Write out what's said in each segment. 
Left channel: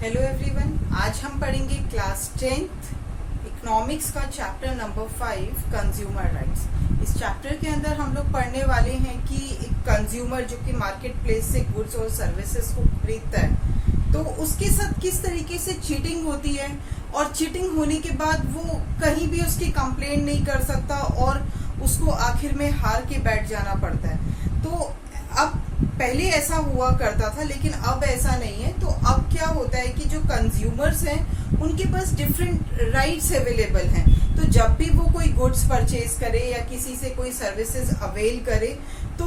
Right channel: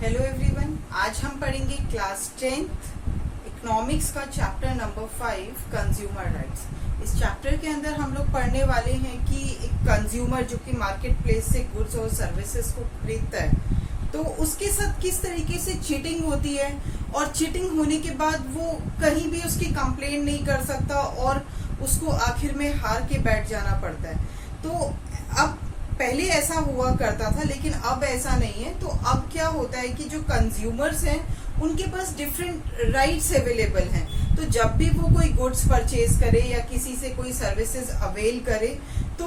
Hello everyone, आज हम पढ़ेंगे क्लास 10th इकोनॉमिक्स का चैप्टर नंबर 5 कंज्यूमर राइट्स। इस चैप्टर के अंदर हम लोग पढ़ने वाले हैं कि एक कंज्यूमर जो कि मार्केट प्लेस से गुड्स और सर्विसेज को खरीदता है तो उसके साथ किस तरीके से चीटिंग होती है और चीटिंग होने के बाद वो कहीं भी उसकी कंप्लेंट नहीं कर सकता और उसको आखिर में हार के बैठ जाना पड़ता है। तो अब पहले ऐसा हुआ करता था लेकिन अब ऐसा नहीं है। तो अब क्या होता है कि जो कंज्यूमर्स हैं उनके पास डिफरेंट राइट्स अवेलेबल हैं। तो जब भी वो कोई गुड्स परचेज करे या किसी से कोई सर्विसेज अवेल करे तो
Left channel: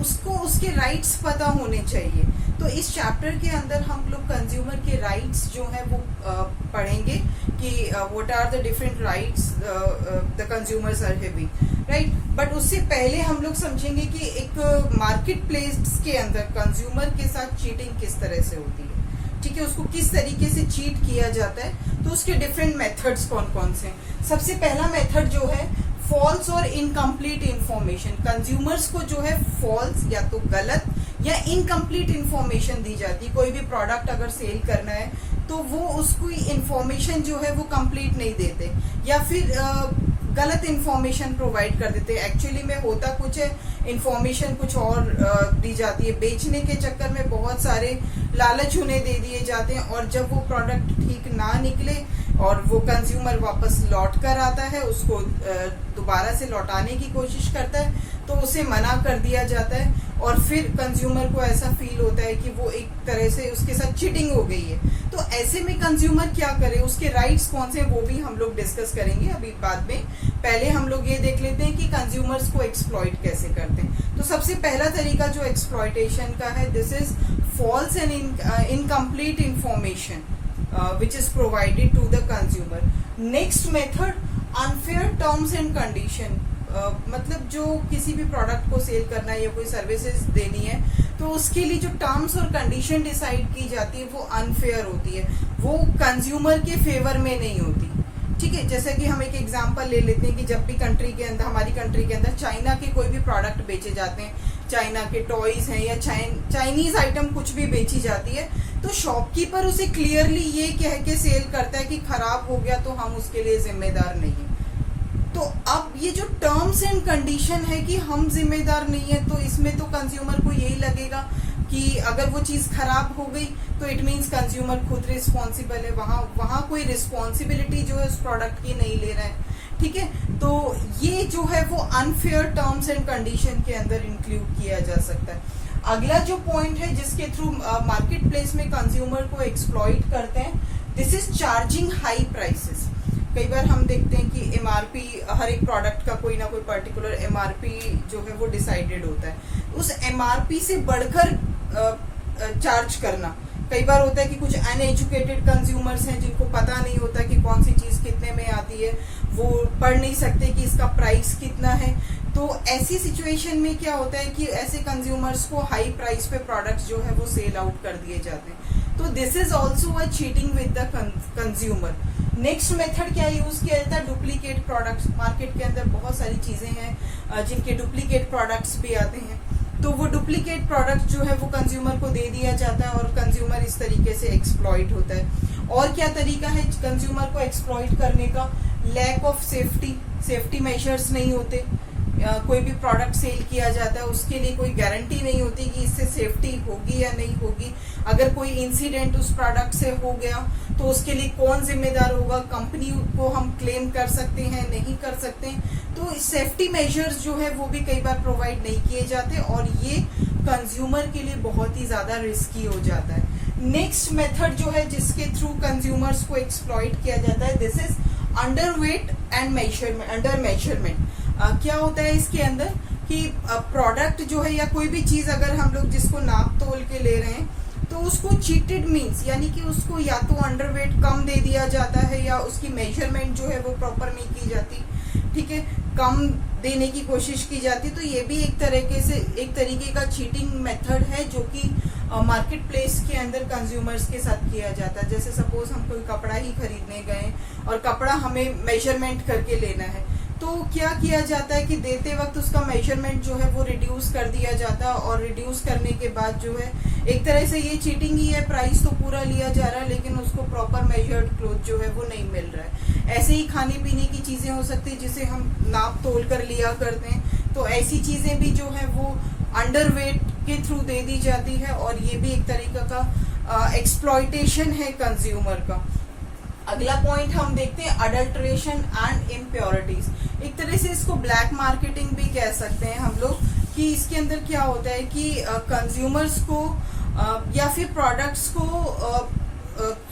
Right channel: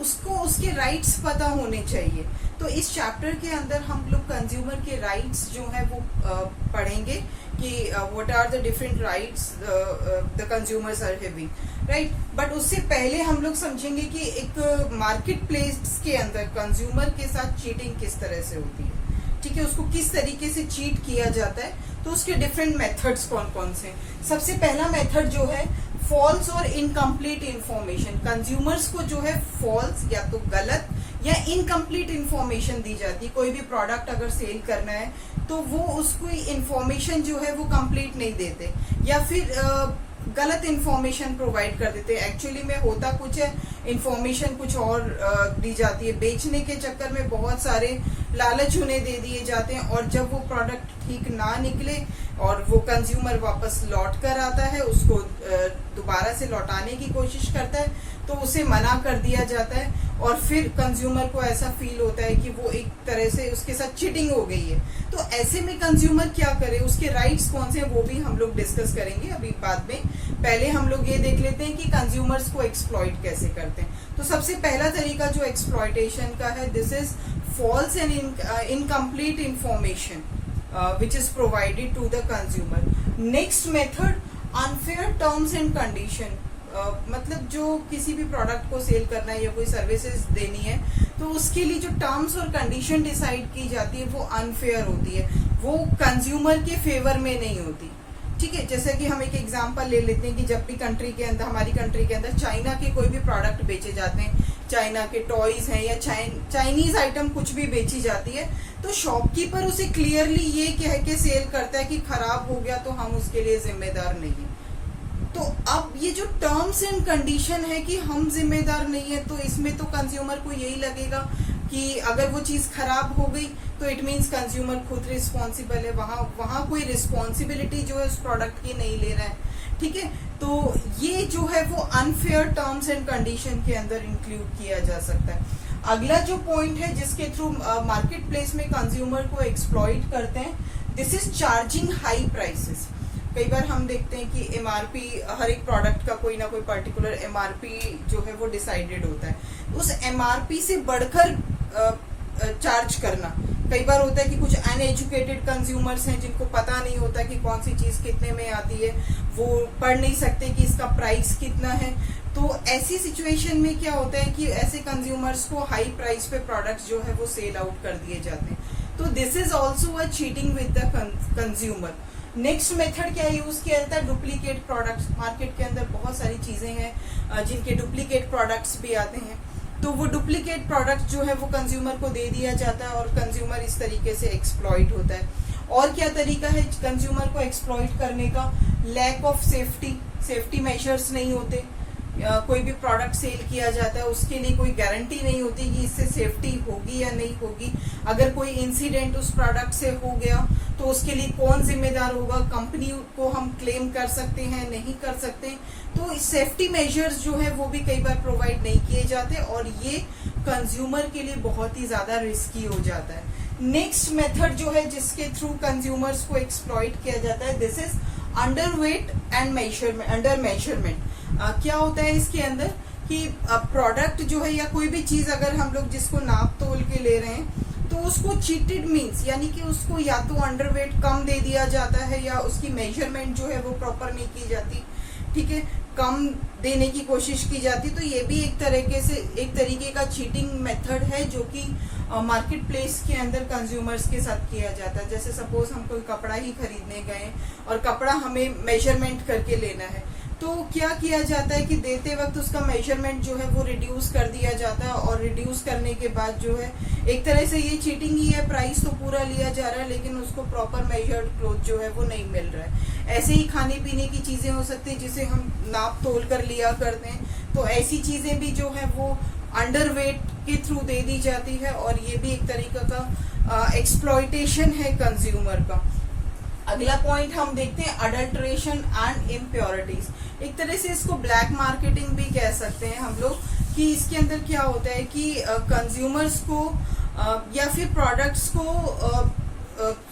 उसको उसके राइट्स पता होने चाहिए। तो इस चैप्टर के अंदर हम लोग कंज्यूमर के राइट्स जो है वो पढ़ेंगे कि what are the different rights the consumers are having, right. But उससे पहले हम लोग समझेंगे कि एक मार्केट प्लेस के अंदर कंज्यूमर के साथ चीटिंग किस तरह से होती है, ठीक है, उसको किस तरीके से चीट किया जाता है। तो उसके डिफरेंट मेथड्स कौन कौन से हैं। सबसे पहला मेथड जो है फॉल्स और इनकम्प्लीट इंफॉर्मेशन। कंज्यूमर्स को जो है फॉल्स या तो गलत या इनकम्प्लीट इंफॉर्मेशन दी जाती है। कोई भी प्रोडक्ट अगर सेल करना है तो वो उसको इंफॉर्मेशन जो है वो कंप्लीट नहीं देते या फिर गलत इंफॉर्मेशन प्रोवाइड कर देते हैं। एक्चुअली में होता कुछ है, इंफॉर्मेशन कुछ और दी जाती है। बेचने के चक्कर में बहुत सारे लालच उन्हें दे दिए जाते हैं और जब वो प्रोडक्ट ठीक ना निकले और वो कंज्यूमर वापस लौट कर आता है, उसको दोबारा से लौटाने की कोशिश करता है तो उसे मना कर दिया जाता है और फिर कंज्यूमर को ऐसा फील होता है कि वो एक तरह से उसके साथ चीटिंग हो गई है। तो ऐसे में कंज्यूमर क्या करे, उसके राइट्स कौन से हैं वो भी हम लोग डिस्कस करेंगे अभी बाद में। पहले हम लोग ये देख लेते हैं कि कंज्यूमर्स को एक्सप्लॉइट कैसे करते हैं। तो सबसे पहला तरीका जो एक्सप्लॉइटेशन का है, this is false and incomplete information which is provided to the consumer. Next method, unfair terms and condition. मतलब जो किसी भी प्रोडक्ट को सेल करना है या कोई सर्विसेज देनी है तो उसके लिए जो टर्म्स और कंडीशन डिसाइड की जाती है वो अनफेयर होती है, वो कंज्यूमर के फेवर में नहीं होती, ठीक है। जैसे कि हम एक एग्जांपल ले लेते हैं कि जब भी कंट्री के अंदर, हमारी कंट्री के अंदर चाइना के कोई भी प्रोडक्ट बेचे जाते हैं, चाइना के टॉयज हैं या चाइनीज आइटम कुछ भी बेची जाती है, तो शॉपकीपर उसे क्लियरली ये कह के सेल करता है कि खराब हो गया तो हम उसके लिए जिम्मेदार नहीं है। तो अब ये जो टर्म्स एंड कंडीशन है कि हम जिम्मेदार नहीं है, तो इसमें तो कंज्यूमर को यही लगेगा कि अगर वो चीज खराब हो गई तो इट मीन्स कंज्यूमर खुद रिस्पॉन्सिबल है, वहां कोई रिस्पॉन्सिबिलिटी जो है उस प्रोडक्ट की नहीं ले रहा है, ठीक है। तो ये जो है वो अनफेयर टर्म्स एंड कंडीशन के अंदर इंक्लूड किया जा सकता है। अगला जो पॉइंट है जिसके थ्रू मार्केट प्लेस में कंज्यूमर को एक्सप्लॉइट करते हैं, this is charging high prices. कई बार हम देखते हैं कि एमआरपी, हर एक प्रोडक्ट का कोई ना कोई पर्टिकुलर एमआरपी जो है वो डिसाइडेड होता है, उस एमआरपी से बढ़कर चार्ज करना। कई बार होता है कि कुछ अनएजुकेटेड कंज्यूमर्स हैं जिनको पता नहीं होता कि कौन सी चीज कितने में आती है, वो पढ़ नहीं सकते कि इसका प्राइस कितना है। तो ऐसी सिचुएशन में क्या होता है कि ऐसे कंज्यूमर्स को हाई प्राइस पे प्रोडक्ट्स जो है वो सेल आउट कर दिए जाते हैं। तो this is also a cheating with the consumer. Next method क्या यूज किया जाता है, डुप्लीकेट प्रोडक्ट्स। मार्केट के अंदर बहुत सारी चीजें हैं जिनके डुप्लीकेट प्रोडक्ट्स भी आते हैं, तो वो डुप्लीकेट प्रोडक्ट जो है वो कंज्यूमर को दे दिया जाता है और कंज्यूमर इस तरीके से एक्सप्लॉइट होता है। और क्या तरीका है कंज्यूमर को एक्सप्लॉइट करने का, लैक ऑफ सेफ्टी मेजर्स नहीं होते। कोई भी प्रोडक्ट सेल किया जाता है उसके लिए कोई गारंटी नहीं होती कि इससे सेफ्टी होगी या नहीं होगी। अगर कोई इंसिडेंट उस प्रोडक्ट से हो गया तो उसके लिए कौन जिम्मेदार होगा, कंपनी को हम क्लेम कर सकते हैं, नहीं कर सकते। तो सेफ्टी मेजर्स जो है वो भी कई बार प्रोवाइड नहीं किए जाते और ये कंज्यूमर के लिए बहुत ही ज्यादा रिस्की हो जाता है। नेक्स्ट मेथड जो है जिसके थ्रू कंज्यूमर्स को एक्सप्लॉइट किया जाता है, this is underweight and under measurement. क्या होता है इसके अंदर कि प्रोडक्ट जो है या कोई भी चीज अगर हम लोग जिसको नाप तोल के ले रहे हैं तो उसको चीटेड मीन्स यानी कि उसको या तो अंडरवेट कम दे दिया जाता है या उसकी मेजरमेंट जो है वो प्रॉपर नहीं की जाती, ठीक है, कम देने की कोशिश की जाती। तो ये भी एक तरीके का चीटिंग मेथड है जो कि मार्केट प्लेस के अंदर कंज्यूमर्स के साथ किया जाता है। जैसे सपोज हम कोई कपड़ा ही खरीदने गए और कपड़ा हमें मेजरमेंट करके लेना है तो क्या किया जाता है कि देते वक्त उसका मेजरमेंट जो है वो रिड्यूस कर दिया जाता है, और रिड्यूस करने के बाद जो है एक तरह से ये चीटिंग ही है, प्राइस तो पूरा लिया जा रहा है लेकिन उसको प्रॉपर मेजर्ड क्लोथ जो है वो नहीं मिल रहा है। ऐसे ही खाने पीने की चीजें हो सकती है जिसे हम नाप तोल कर लिया करते हैं, तो ऐसी चीजें भी जो है वो अंडर वेट के थ्रू दे दी जाती है, और ये भी एक तरीका का एक्सप्लॉयटेशन है कंज्यूमर का। अगला पॉइंट हम देखते हैं अडल्ट्रेशन एंड इम्प्योरिटीज। एक तरह से इसको ब्लैक मार्केटिंग भी कह सकते हैं हम लोग, कि इसके अंदर क्या होता है कि कंज्यूमर्स को या फिर प्रोडक्ट्स को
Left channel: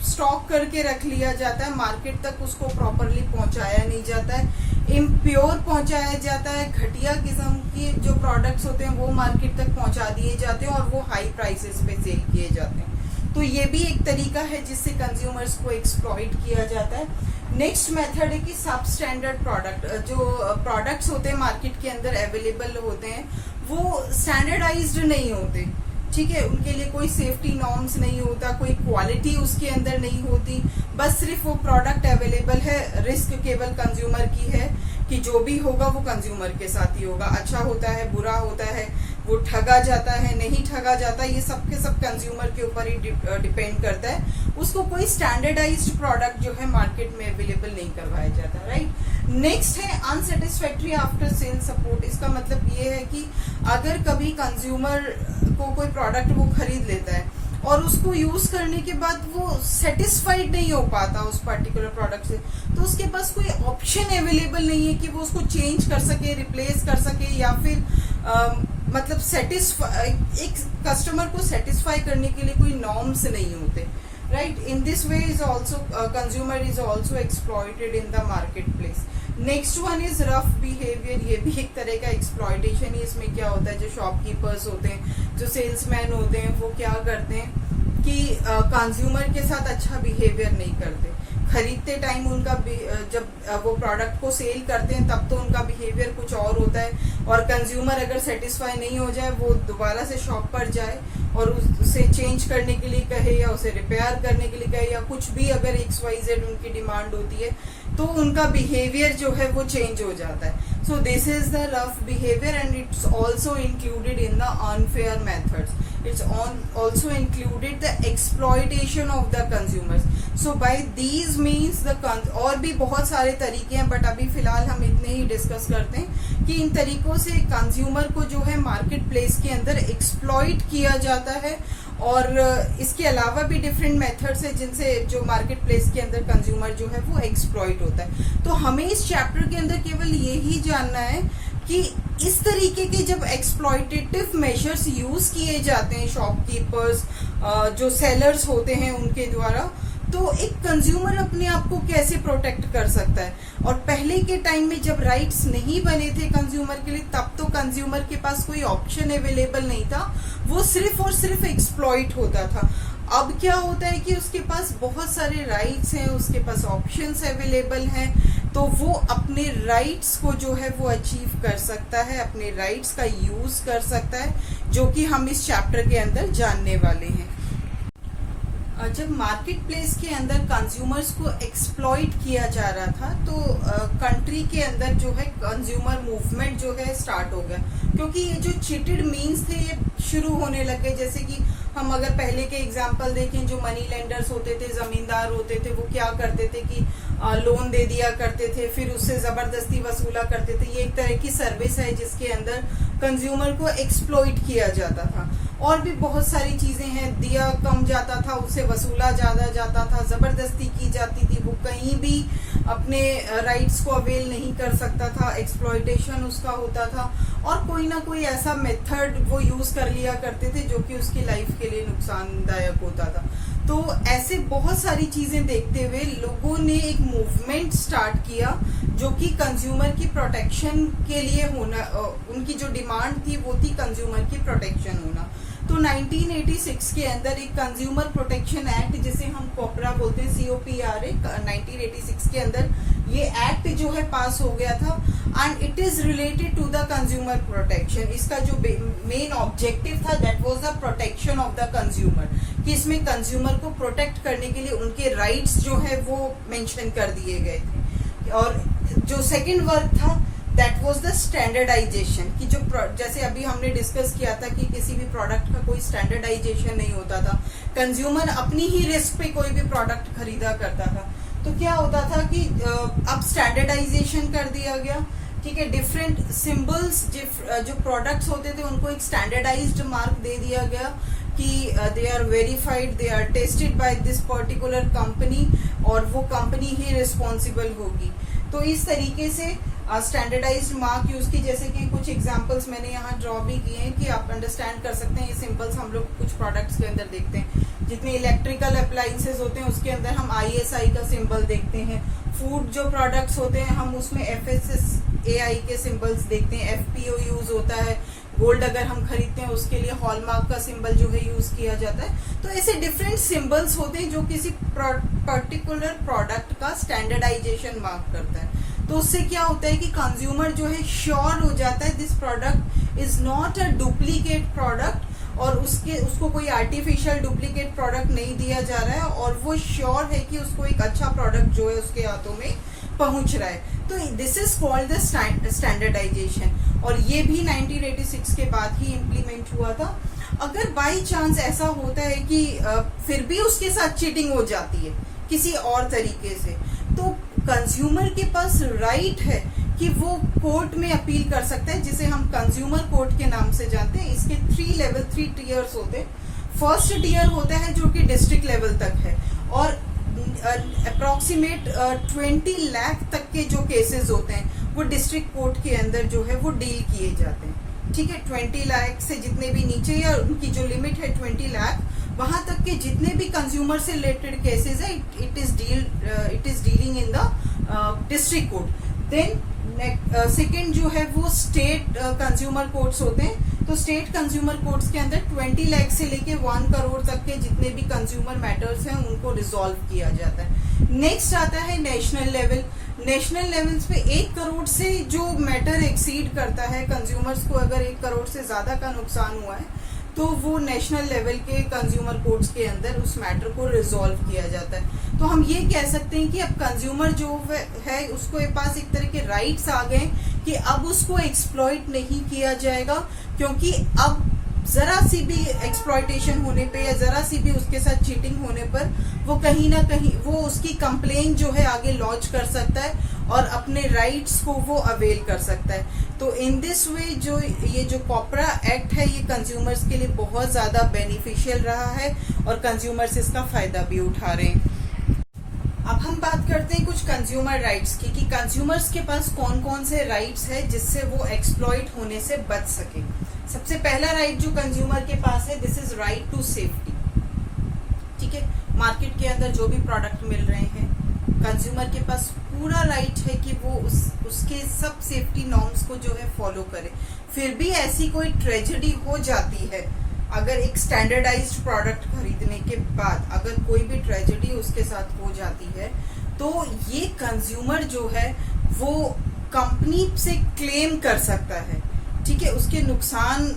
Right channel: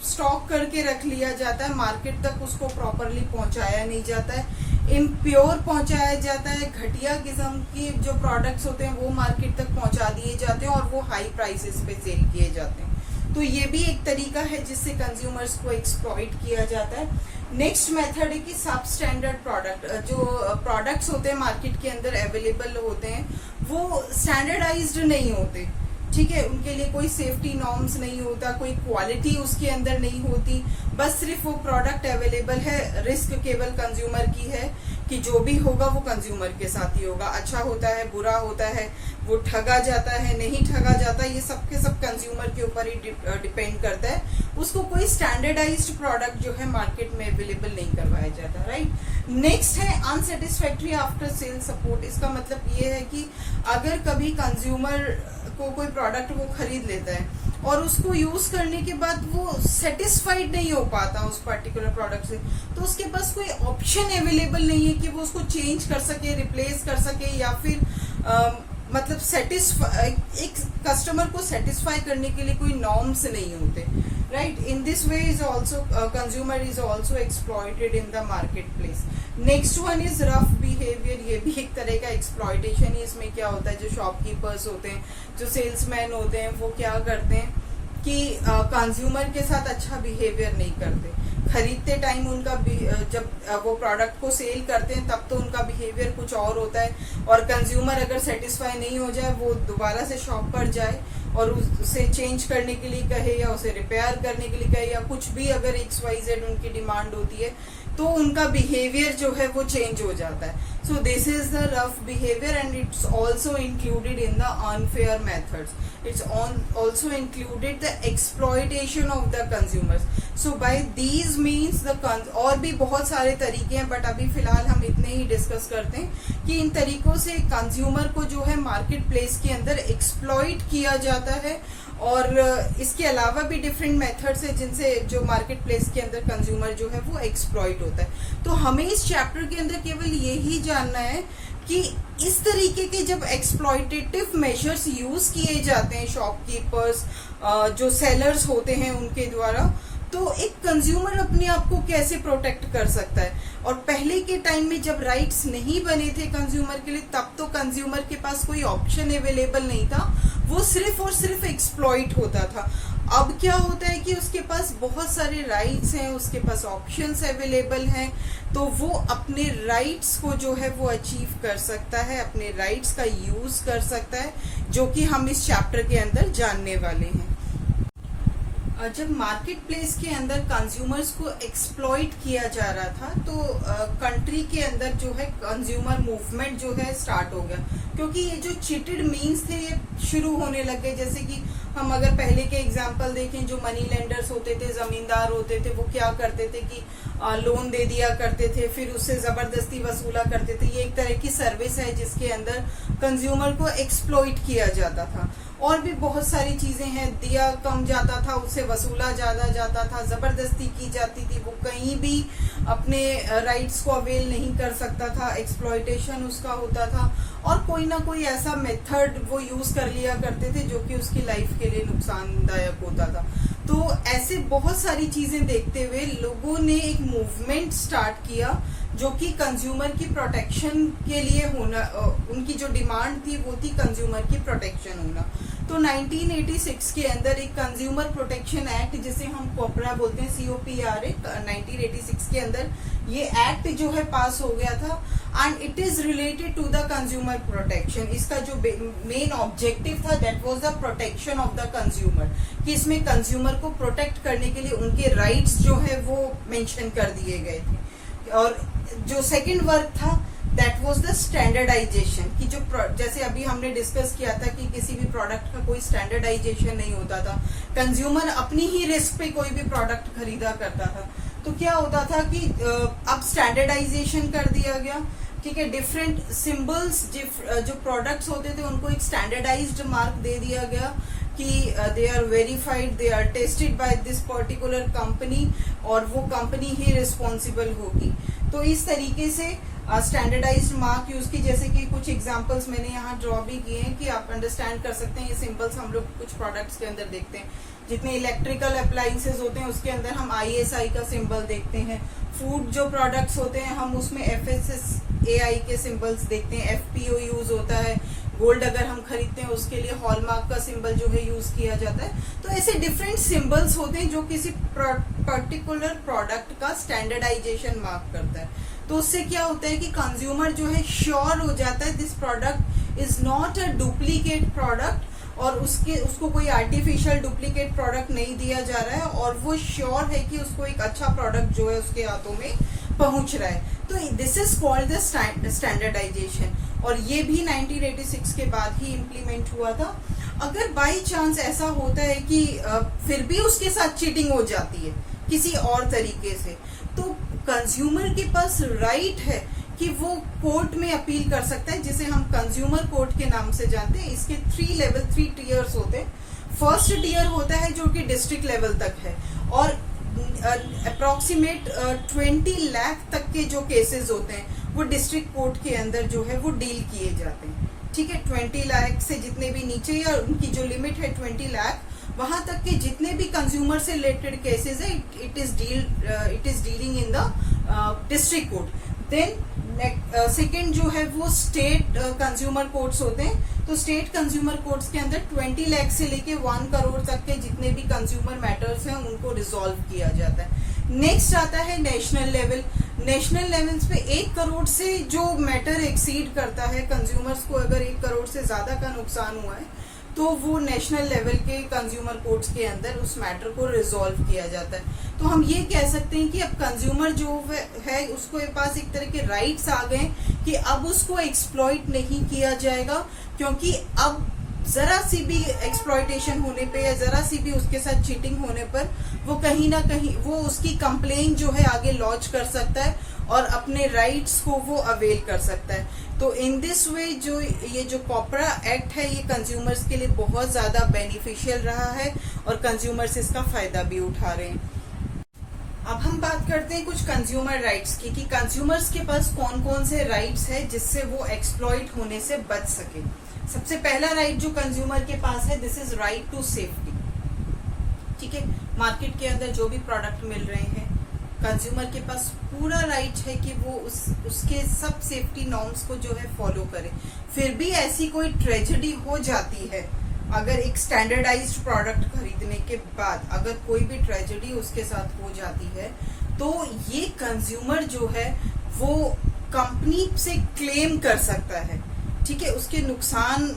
स्टॉक करके रख लिया जाता है, मार्केट तक उसको प्रॉपरली पहुंचाया नहीं जाता है, इम्प्योर पहुंचाया जाता है, घटिया किस्म के जो प्रोडक्ट्स होते हैं वो मार्केट तक पहुंचा दिए जाते हैं और वो हाई प्राइसेस पे सेल किए जाते हैं। तो ये भी एक तरीका है जिससे कंज्यूमर्स को एक्सप्लॉइट किया जाता है। नेक्स्ट मेथड है कि सब स्टैंडर्ड प्रोडक्ट, जो प्रोडक्ट्स होते हैं मार्केट के अंदर अवेलेबल होते हैं वो स्टैंडर्डाइज्ड नहीं होते, ठीक है, उनके लिए कोई सेफ्टी नॉर्म्स नहीं होता, कोई क्वालिटी उसके अंदर नहीं होती, बस सिर्फ वो प्रोडक्ट अवेलेबल है, रिस्क केवल कंज्यूमर की है कि जो भी होगा वो कंज्यूमर के साथ ही होगा, अच्छा होता है बुरा होता है, वो ठगा जाता है नहीं ठगा जाता, ये सब के सब कंज्यूमर के ऊपर ही डिपेंड करता है। उसको कोई स्टैंडर्डाइज्ड प्रोडक्ट जो है मार्केट में अवेलेबल नहीं करवाया जाता, राइट। नेक्स्ट है अनसेटिस्फैक्ट्री आफ्टर सेल सपोर्ट। इसका मतलब ये है कि अगर कभी कंज्यूमर को कोई प्रोडक्ट वो खरीद लेता है और उसको यूज करने के बाद वो सेटिस्फाइड नहीं हो पाता उस पर्टिकुलर प्रोडक्ट से, तो उसके पास कोई ऑप्शन अवेलेबल नहीं है कि वो उसको चेंज कर सके, रिप्लेस कर सके, या फिर मतलब एक कस्टमर को सेटिस्फाई करने के लिए कोई नॉर्म्स नहीं होते, right. In this way is also consumer is also exploited in the market place. Next one is rough behaviour. ये भी एक तरह का एक्सप्लॉइटेशन ही। इसमें क्या होता है, जो शॉपकीपर्स होते हैं, जो सेल्समैन होते हैं, वो क्या करते हैं कि कंज्यूमर के साथ अच्छा बिहेवियर नहीं करते। खरीदते टाइम उनका जब वो प्रोडक्ट को सेल करते हैं तब तो उनका बिहेवियर कुछ और होता है, और कंज्यूमर अगर सेटिस्फाई नहीं हो जाए वो दोबारा से शॉप पर जाए और उसे चेंज करने के लिए कहे या उसे रिपेयर करने के लिए कहे या कुछ भी अगर XYZ उनकी डिमांड होती है तो उनका बिहेवियर जो है वो चेंज हो जाता है। So this is the rough behaviour and it's also included in the unfair methods. It's also included the exploitation of the consumers. So by these means और भी बहुत सारे तरीके हैं, बट अभी फिलहाल हम इतने ही डिस्कस करते हैं कि इन तरीकों से कंज्यूमर को जो है मार्केट प्लेस के अंदर एक्सप्लॉइट किया जाता है, और इसके अलावा भी डिफरेंट मेथड्स है जिनसे जो मार्केट प्लेस के अंदर कंज्यूमर जो है वो एक्सप्लॉइट होता है। तो हमें इस चैप्टर के अंदर केवल यही जानना है कि इस तरीके के जब एक्सप्लॉइटेटिव मेजर्स यूज किए जाते हैं शॉपकीपर्स, जो सेलर्स होते हैं उनके द्वारा, तो एक कंज्यूमर अपने आप को कैसे प्रोटेक्ट कर सकता है। और पहले के टाइम में जब राइट्स नहीं बने थे कंज्यूमर के लिए, तब तो कंज्यूमर के पास कोई ऑप्शन अवेलेबल नहीं था, वो सिर्फ और सिर्फ एक्सप्लॉइट होता था। अब क्या होता है कि उसके पास बहुत सारे राइट्स हैं, उसके पास ऑप्शंस अवेलेबल हैं, तो वो अपने राइट्स को जो है वो अचीव कर सकता है, अपने राइट्स का यूज कर सकता है, जो कि हम इस चैप्टर के अंदर जानने वाले हैं। जब मार्केट प्लेस के अंदर कंज्यूमर्स को एक्सप्लॉइट किया जा रहा था तो कंट्री के अंदर जो है कंज्यूमर मूवमेंट जो है स्टार्ट हो गया, क्योंकि ये जो चीटेड मीन्स थे ये शुरू होने लग गए। जैसे कि हम अगर पहले के एग्जांपल देखें, जो मनी लेंडर्स होते थे, जमींदार होते थे, वो क्या करते थे कि लोन दे दिया करते थे, फिर उससे जबरदस्ती वसूला करते थे। ये एक तरह की सर्विस है जिसके अंदर कंज्यूमर को एक्सप्लॉइट किया जाता था। और भी बहुत सारी चीजें हैं, दिया कम जाता था उससे वसूला ज्यादा जाता था, जबरदस्ती की जाती थी, वो कहीं भी अपने राइट्स को अवेल नहीं कर सकता था, एक्सप्लॉइटेशन उसका होता था, और कोई ना कोई ऐसा मेथड वो यूज कर लिया करते थे जो कि उसकी लाइफ के लिए नुकसानदायक होता था। तो ऐसे बहुत सारी चीजें देखते हुए लोगों ने एक मूवमेंट स्टार्ट किया जो कि कंज्यूमर की प्रोटेक्शन के लिए होना, उनकी जो डिमांड थी वो थी कंज्यूमर की प्रोटेक्शन होना। तो 1986 के अंदर एक कंज्यूमर प्रोटेक्शन एक्ट, जिसे हम कोपरा बोलते हैं, COPRA, 1986 के अंदर ये एक्ट जो है पास हो गया था, and it is related to the consumer protection. इसका जो मेन ऑब्जेक्टिव था that was the protection of the consumer, कि इसमें कंज्यूमर को प्रोटेक्ट करने के लिए उनके राइट्स जो है वो मेंशन कर दिए गए थे। और जो सेकंड वर्क था दैट वाज द स्टैंडर्डाइजेशन की जो जैसे अभी हमने डिस्कस किया था कि किसी भी प्रोडक्ट का कोई स्टैंडर्डाइजेशन नहीं होता था, कंज्यूमर अपनी ही रिस्क पे कोई भी प्रोडक्ट खरीदा करता था। तो क्या होता था कि अब स्टैंडर्डाइजेशन कर दिया गया, ठीक है, डिफरेंट सिंबल्स जो प्रोडक्ट्स होते थे उनको एक स्टैंडर्डाइज्ड मार्क दे दिया गया कि they are verified, they are tested by this particular company और वो कंपनी ही रिस्पॉन्सिबल होगी। तो इस तरीके से स्टैंडर्डाइज्ड मार्क यूज की, जैसे कि कुछ एग्जांपल्स मैंने यहाँ ड्रॉ भी किए हैं कि आप अंडरस्टैंड कर सकते हैं। ये सिंबल्स हम लोग कुछ प्रोडक्ट्स के अंदर देखते हैं, जितने इलेक्ट्रिकल अप्लायंसेज होते हैं उसके अंदर हम ISI का सिंबल देखते हैं। फूड जो प्रोडक्ट्स होते हैं हम उसमें FSSAI के सिंबल्स देखते हैं, FPO यूज होता है। गोल्ड अगर हम खरीदते हैं उसके लिए हॉलमार्क का सिंबल जो है यूज किया जाता है। तो ऐसे डिफरेंट सिंबल्स होते हैं जो किसी पर्टिकुलर प्रोडक्ट का स्टैंडर्डाइजेशन मार्क करता है। तो उससे क्या होता है कि कंज्यूमर जो है श्योर हो जाता है this product is not a duplicate product और उसको कोई आर्टिफिशियल डुप्लीकेट प्रोडक्ट नहीं दिया जा रहा है और वो श्योर है कि उसको एक अच्छा प्रोडक्ट जो है उसके हाथों में पहुंच रहा है। तो this is called the standardisation और ये भी 1986 के बाद ही इम्प्लीमेंट हुआ था। अगर बाई चांस ऐसा होता है कि फिर भी उसके साथ चीटिंग हो जाती है किसी और तरीके से, तो कंज्यूमर के पास राइट है कि वो कोर्ट में अपील कर सकता है, जिसे हम कंज्यूमर कोर्ट के नाम से जानते हैं। इसके 3 टीयर्स होते हैं। फर्स्ट टीयर होता है जो कि डिस्ट्रिक्ट लेवल तक है और अप्रोक्सीमेट 20 लाख तक के जो केसेस होते हैं वो डिस्ट्रिक्ट कोर्ट के अंदर जो है वो डील किए जाते हैं। ठीक है, 20 लाख से जितने भी नीचे या उनकी जो लिमिट है 20 लाख, वहां तक के जितने भी कंज्यूमर से रिलेटेड केसेस है it is dealing in the district court. Then second जो है वो स्टेट कंज्यूमर कोर्ट्स होते हैं। तो स्टेट कंज्यूमर कोर्ट्स के अंदर 20 लाख से लेके 1 करोड़ तक के जितने भी कंज्यूमर मैटर्स हैं उनको रिजॉल्व किया जाता है। नेक्स्ट आता है नेशनल लेवल। नेशनल लेवल्स पे 1 करोड़ से जो मैटर एक्सीड करता है, कंज्यूमर्स को अगर 1 करोड़ से ज्यादा का नुकसान हुआ है तो वो नेशनल लेवल के कंज्यूमर कोर्ट्स के अंदर उस मैटर को रिजॉल्व किया जाता है। तो हम ये कह सकते हैं कि अब कंज्यूमर जो है उसको पास एक तरह के राइट्स आ गए कि अब उसको एक्सप्लॉइट नहीं किया जाएगा, क्योंकि अब जरा सी भी एक्सप्लॉइटेशन होने पे या जरा सी भी उसके साथ चीटिंग होने पर वो कहीं ना कहीं वो उसकी कंप्लेन जो है आगे लॉन्च कर सकता है और अपने राइट्स को वो अवेल कर सकता है। तो इन दिस वे ये जो कॉपरा एक्ट है ये कंज्यूमर्स के लिए बहुत ज्यादा बेनिफिशियल रहा है और कंज्यूमर्स इसका फायदा भी उठा रहे हैं। अब हम बात करते हैं कुछ कंज्यूमर राइट्स की कि कंज्यूमर्स के पास कौन कौन से राइट्स है जिससे वो एक्सप्लॉइट होने से बच सके। सबसे पहला राइट जो कंज्यूमर के पास है this is right to safety. ठीक है, मार्केट के अंदर जो भी प्रोडक्ट मिल रहे हैं कंज्यूमर के पास पूरा राइट है कि वो उसके सब सेफ्टी नॉर्म्स को जो है फॉलो करे। फिर भी ऐसी कोई ट्रेजेडी हो जाती है, अगर एक स्टैंडर्डाइज्ड प्रोडक्ट खरीदने के बाद अगर कोई भी ट्रेजेडी उसके साथ हो जाती है तो ये कंज्यूमर जो है वो कंपनी से क्लेम कर सकता है। ठीक है, उसके नुकसान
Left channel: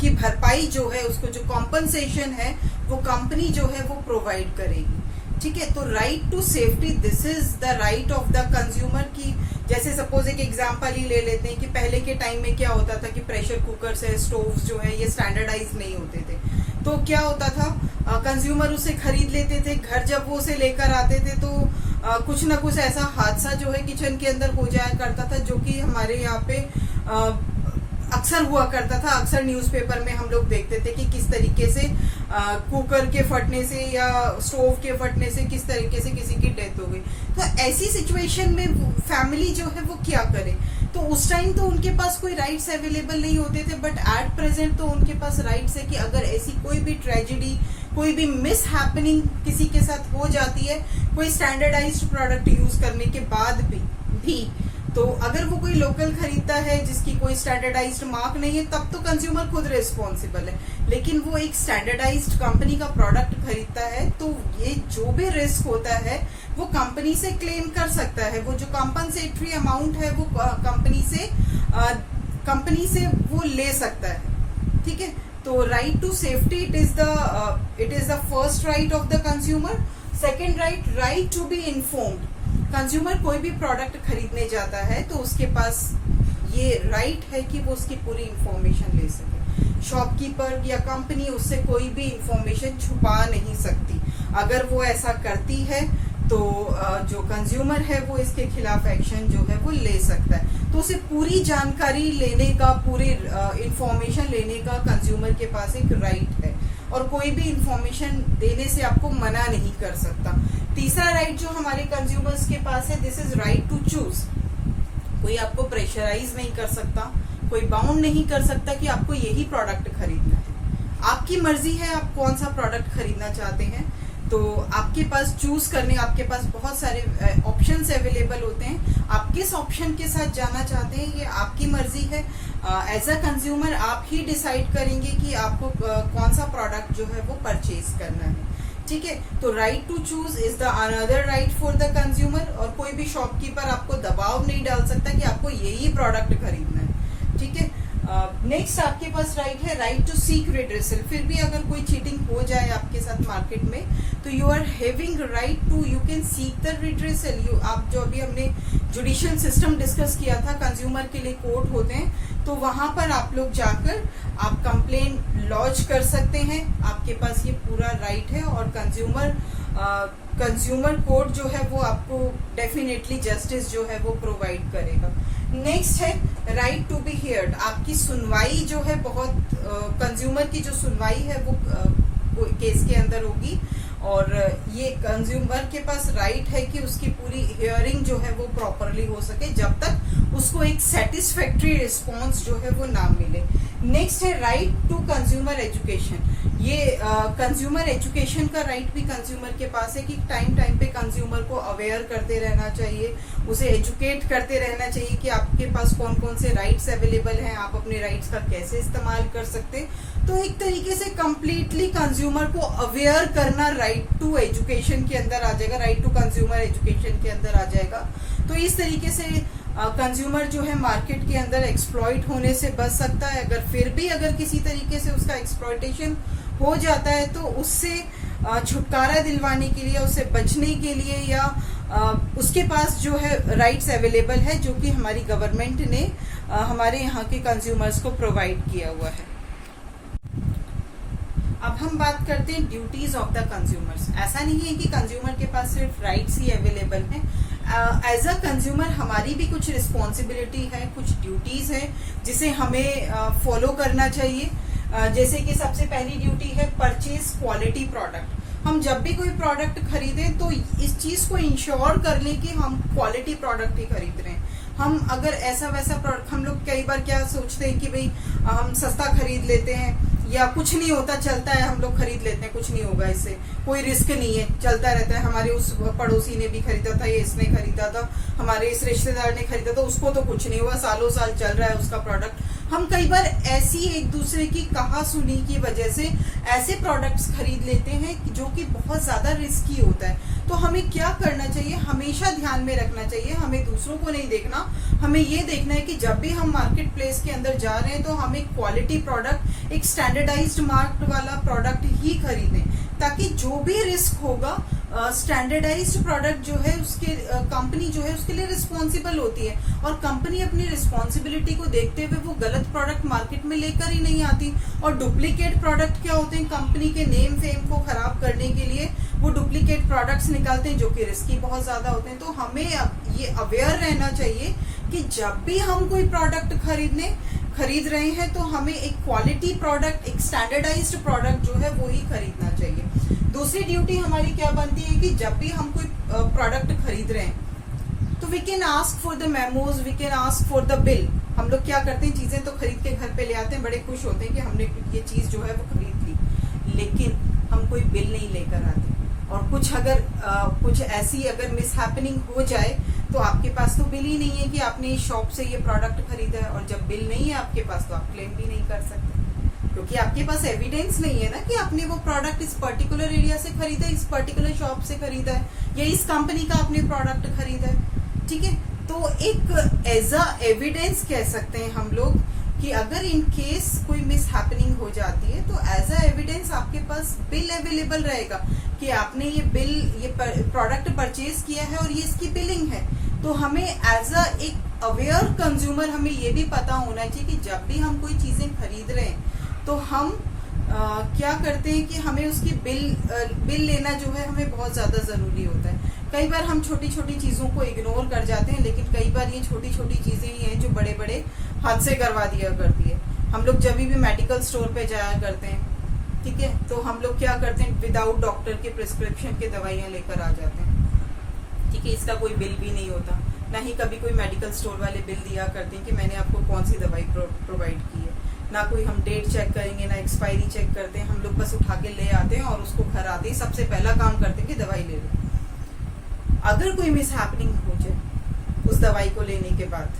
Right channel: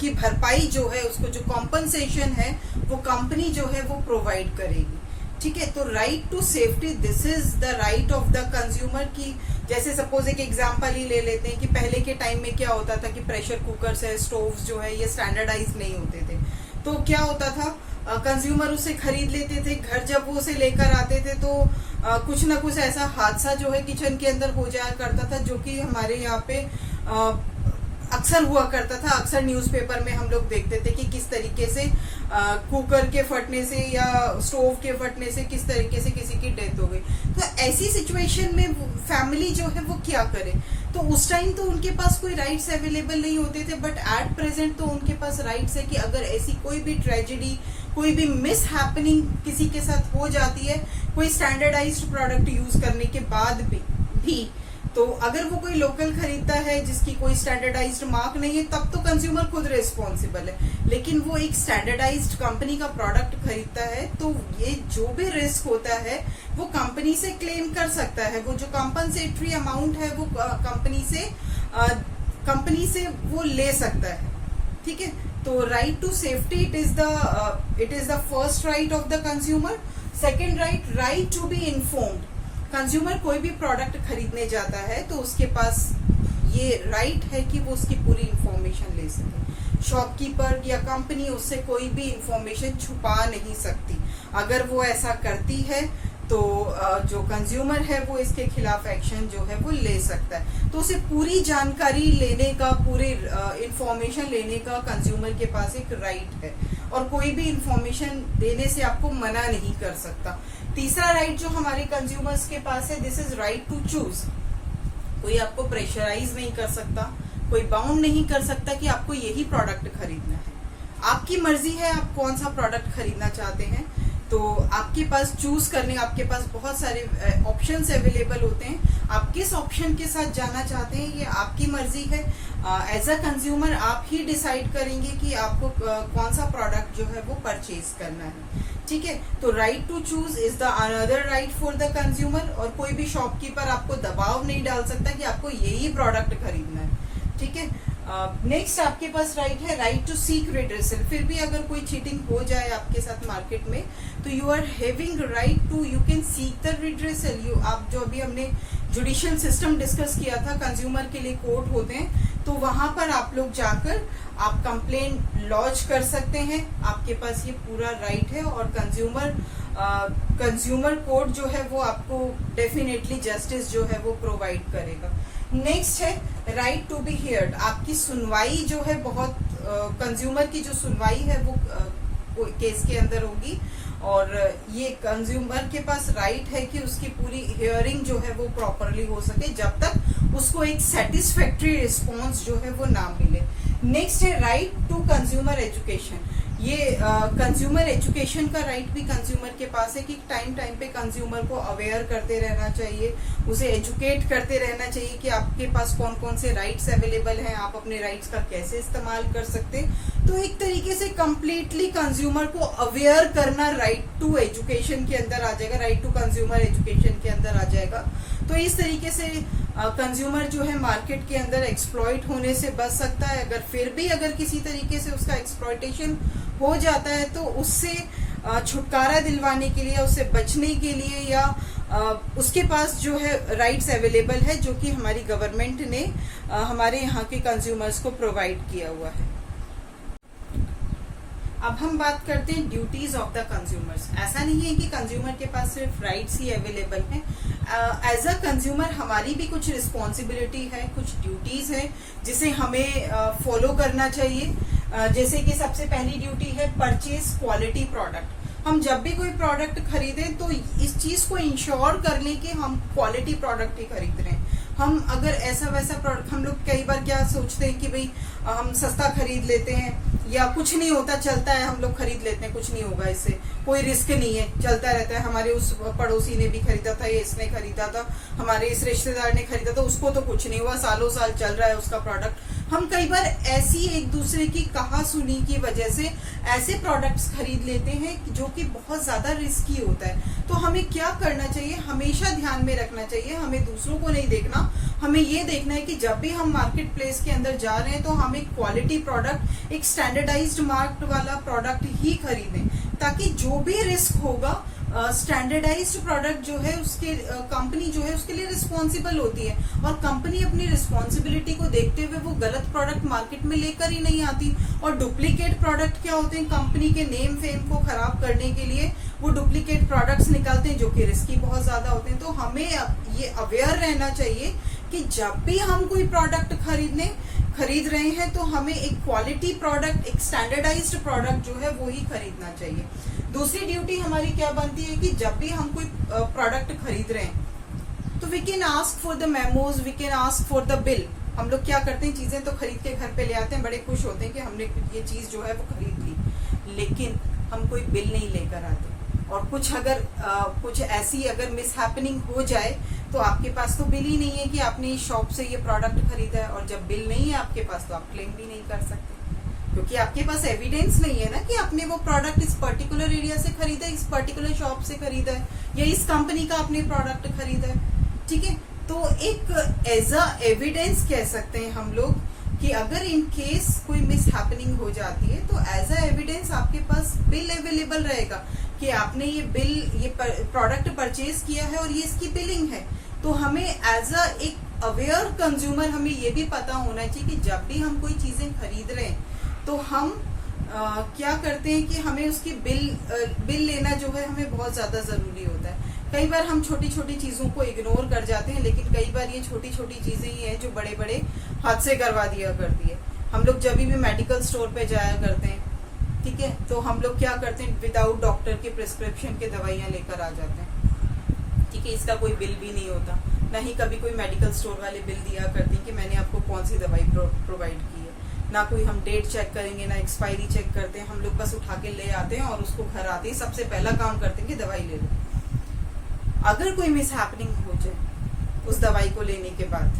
की भरपाई जो है, उसको जो कॉम्पनसेशन है वो कंपनी जो है वो प्रोवाइड करेगी। ठीक है, तो right to safety this is the right of the consumer की। जैसे सपोज एक एग्जांपल ही ले लेते हैं कि पहले के टाइम में क्या होता था कि प्रेशर कुकर्स है, स्टोव्स जो है ये स्टैंडर्डाइज नहीं होते थे। तो क्या होता था, कंज्यूमर उसे खरीद लेते थे, घर जब वो उसे लेकर आते थे तो कुछ ना कुछ ऐसा हादसा जो है किचन के अंदर हो जाया करता था, जो कि हमारे यहाँ पे अक्सर हुआ करता था। अक्सर न्यूज़पेपर में हम लोग देखते थे कि किस तरीके से कुकर के फटने से या स्टोव के फटने से किस तरीके से किसी की डेथ हो गई। तो ऐसी सिचुएशन में फैमिली जो है वो क्या करे। तो उस टाइम तो उनके पास कोई राइट्स अवेलेबल नहीं होते थे, बट एट प्रेजेंट तो उनके पास राइट्स है कि अगर ऐसी कोई भी ट्रेजेडी, कोई भी मिस हैपनिंग किसी के साथ हो जाती है कोई स्टैंडर्डाइज्ड प्रोडक्ट यूज करने के बाद भी तो अगर वो कोई लोकल खरीदता है जिसकी कोई स्टैंडर्डाइज्ड मार्क नहीं है तब तो कंज्यूमर खुद रिस्पॉन्सिबल है। लेकिन वो एक स्टैंडर्डाइज्ड कंपनी का प्रोडक्ट खरीदता है तो ये जो भी रिस्क होता है वो कंपनी से क्लेम कर सकता है। वो जो कॉम्पनसेटरी अमाउंट है वो कंपनी से वो ले सकता है। ठीक है, तो right to safety it is the first right of the consumer. Second right to be informed. Consumer कोई भी प्रोडक्ट खरीदने जाता है तो उसके पास ये राइट है कि वो उसकी पूरी इंफॉर्मेशन ले सके। शॉपकीपर या कंपनी उससे कोई भी इंफॉर्मेशन छुपा नहीं सकती। अगर वो ऐसा करती है तो जो कंज्यूमर है वो इसके खिलाफ एक्शन जो है वो ले सकता है। तो उसे पूरी जानकारी लेने का, पूरी इंफॉर्मेशन लेने का कंज्यूमर के पास एक राइट है और कोई भी इंफॉर्मेशन देने से आपको मना नहीं कर सकता। तीसरा राइट जो हमारे कंज्यूमर्स के पास है, this is right to choose. कोई आपको प्रेशराइज नहीं कर सकता, कोई बाउंड नहीं कर सकता कि आपको यही प्रोडक्ट खरीदना है। आपकी मर्जी है आप कौन सा प्रोडक्ट खरीदना चाहते हैं। तो आपके पास चूज करने, आपके पास बहुत सारे ऑप्शंस अवेलेबल होते हैं। आप किस ऑप्शन के साथ जाना चाहते हैं ये आपकी मर्जी है। एज अ कंज्यूमर आप ही डिसाइड करेंगे कि आपको कौन सा प्रोडक्ट जो है वो परचेज करना है। ठीक है, तो right to choose is the another right for the consumer. और कोई भी शॉपकीपर आपको दबाव नहीं डाल सकता कि आपको यही प्रोडक्ट खरीदना है। ठीक है, नेक्स्ट आपके पास राइट है राइट टू सीक रिड्रेसल। फिर भी अगर कोई चीटिंग हो जाए आपके साथ मार्केट में तो you are having right to, you can seek the redressal. आप जो अभी हमने जुडिशियल सिस्टम डिस्कस किया था, कंज्यूमर के लिए कोर्ट होते हैं, तो वहां पर आप लोग जाकर आप कंप्लेन लॉन्च कर सकते हैं। आपके पास ये पूरा राइट है और कंज्यूमर कोर्ट जो है वो आपको डेफिनेटली जस्टिस जो है वो प्रोवाइड करेगा। नेक्स्ट है राइट टू बी हियर्ड। आपकी सुनवाई जो है बहुत कंज्यूमर की जो सुनवाई है वो केस के अंदर होगी और ये कंज्यूमर के पास राइट है कि उसकी पूरी हियरिंग जो है वो प्रॉपरली हो सके जब तक उसको एक सेटिस्फैक्ट्री रिस्पॉन्स जो है वो ना मिले। नेक्स्ट है राइट टू कंज्यूमर एजुकेशन। ये कंज्यूमर एजुकेशन का राइट भी कंज्यूमर के पास है कि टाइम टाइम पे कंज्यूमर को अवेयर करते रहना चाहिए, उसे एजुकेट करते रहना चाहिए कि आपके पास कौन कौन से राइट्स अवेलेबल हैं, आप अपने राइट्स का कैसे इस्तेमाल कर सकते। तो एक तरीके से कंप्लीटली कंज्यूमर को अवेयर करना राइट टू एजुकेशन के अंदर आ जाएगा, राइट टू कंज्यूमर एजुकेशन के अंदर आ जाएगा। तो इस तरीके से कंज्यूमर जो है मार्केट के अंदर एक्सप्लॉइट होने से बच सकता है। अगर फिर भी अगर किसी तरीके से उसका एक्सप्लॉइटेशन हो जाता है तो उससे छुटकारा दिलवाने के लिए, उससे बचने के लिए या उसके पास जो है राइट्स अवेलेबल है जो कि हमारी गवर्नमेंट ने हमारे यहाँ के कंज्यूमर्स को प्रोवाइड किया हुआ है। अब हम बात करते हैं ड्यूटीज ऑफ द कंज्यूमर्स। ऐसा नहीं है कि कंज्यूमर के पास सिर्फ राइट्स ही अवेलेबल हैं। एज अ कंज्यूमर हमारी भी कुछ रिस्पॉन्सिबिलिटी है, कुछ ड्यूटीज है जिसे हमें फॉलो करना चाहिए। जैसे कि सबसे पहली ड्यूटी है परचेज क्वालिटी प्रोडक्ट। हम जब भी कोई प्रोडक्ट खरीदें तो इस चीज को इंश्योर कर लें कि हम क्वालिटी प्रोडक्ट ही खरीद रहे हैं। हम अगर ऐसा वैसा प्रोडक्ट, हम लोग कई बार क्या सोचते हैं कि भाई हम सस्ता खरीद लेते हैं या कुछ नहीं होता, चलता है, हम लोग खरीद लेते हैं, कुछ नहीं होगा, इससे कोई रिस्क नहीं है, चलता रहता है। हमारे उस पड़ोसी ने भी खरीदा था, ये इसने खरीदा था, हमारे इस रिश्तेदार ने खरीदा था, उसको तो कुछ नहीं हुआ, सालों साल चल रहा है उसका प्रोडक्ट। हम कई बार ऐसी एक दूसरे की कहा सुनी की वजह से ऐसे प्रोडक्ट्स खरीद लेते हैं जो कि बहुत ज्यादा रिस्की होता है। तो हमें क्या करना चाहिए, हमेशा ध्यान में रखना चाहिए, हमें दूसरों को नहीं देखना, हमें ये देखना है कि जब भी हम मार्केट प्लेस के अंदर जा रहे हैं तो हम एक क्वालिटी प्रोडक्ट, एक स्टैंडर्डाइज्ड मार्क वाला प्रोडक्ट ही खरीदें, ताकि जो भी रिस्क होगा स्टैंडर्डाइज्ड प्रोडक्ट जो है उसके कंपनी जो है उसके लिए रिस्पॉन्सिबल होती है और कंपनी अपनी रिस्पॉन्सिबिलिटी को देखते हुए वो गलत प्रोडक्ट मार्केट में लेकर ही नहीं आती। और डुप्लीकेट प्रोडक्ट क्या होते हैं, कंपनी के नेम फेम को खराब करने के लिए वो डुप्लीकेट प्रोडक्ट्स निकालते हैं जो कि रिस्की बहुत ज्यादा होते हैं। तो हमें ये अवेयर रहना चाहिए कि जब भी हम कोई प्रोडक्ट खरीद रहे हैं तो हमें एक क्वालिटी प्रोडक्ट, एक स्टैंडर्डाइज्ड प्रोडक्ट जो है वो ही खरीदना चाहिए। दूसरी ड्यूटी हमारी क्या बनती है कि जब भी हम कोई प्रोडक्ट खरीद रहे हैं तो we can ask for the memos, we can ask for the bill. हम लोग क्या करते हैं, चीजें तो खरीद के घर पे ले आते हैं, बड़े खुश होते हैं कि हमने ये चीज जो है वो खरीद ली, लेकिन हम कोई बिल नहीं लेकर आते। और कुछ अगर कुछ ऐसी अगर मिसहैपनिंग हो जाए तो आपके पास तो बिल ही नहीं है कि आपने इस शॉप से ये प्रोडक्ट खरीदा है, और जब बिल नहीं है आपके पास तो आप क्लेम भी नहीं कर सकते क्योंकि आपके पास एविडेंस नहीं है ना कि आपने वो प्रोडक्ट इस पर्टिकुलर एरिया से खरीदा है, इस पर्टिकुलर शॉप से खरीदा है या इस कंपनी का आपने प्रोडक्ट खरीदा है। ठीक है, तो एक एज अ एविडेंस कह सकते हैं हम लोग कि अगर इन केस कोई मिस हैपनिंग हो जाती है तो एज अ एविडेंस आपके पास बिल अवेलेबल रहेगा कि आपने ये प्रोडक्ट परचेज किया है और ये इसकी बिलिंग है। तो हमें एज अ एक अवेयर कंज्यूमर हमें ये भी पता होना चाहिए कि जब भी हम कोई चीजें खरीद रहे हैं तो हम क्या करते हैं कि हमें उसकी बिल लेना जो है हमें बहुत ज्यादा जरूरी होता है। कई बार हम छोटी छोटी चीजों को इग्नोर कर जाते हैं, लेकिन कई बार ये छोटी छोटी चीजें ही हैं जो बड़े बड़े हादसे करवा दिया करती है। हम लोग जब भी मेडिकल स्टोर पे जाया करते हैं, ठीक है, तो हम लोग क्या करते हैं, विदाउट डॉक्टर के प्रिस्क्रिप्शन के दवाइयां लेकर आ जाते हैं, ठीक है। इसका कोई बिल भी नहीं होता, ना ही कभी कोई मेडिकल स्टोर वाले बिल दिया करते हैं कि मैंने आपको कौन सी दवाई प्रोवाइड की है। ना कोई हम डेट चेक करेंगे, ना एक्सपायरी चेक करते हैं। हम लोग बस उठा के ले आते हैं और उसको घर आते ही सबसे पहला काम करते हैं कि दवाई ले लो। अगर कोई मिस हैपनिंग हो जाए उस दवाई को लेने के बाद,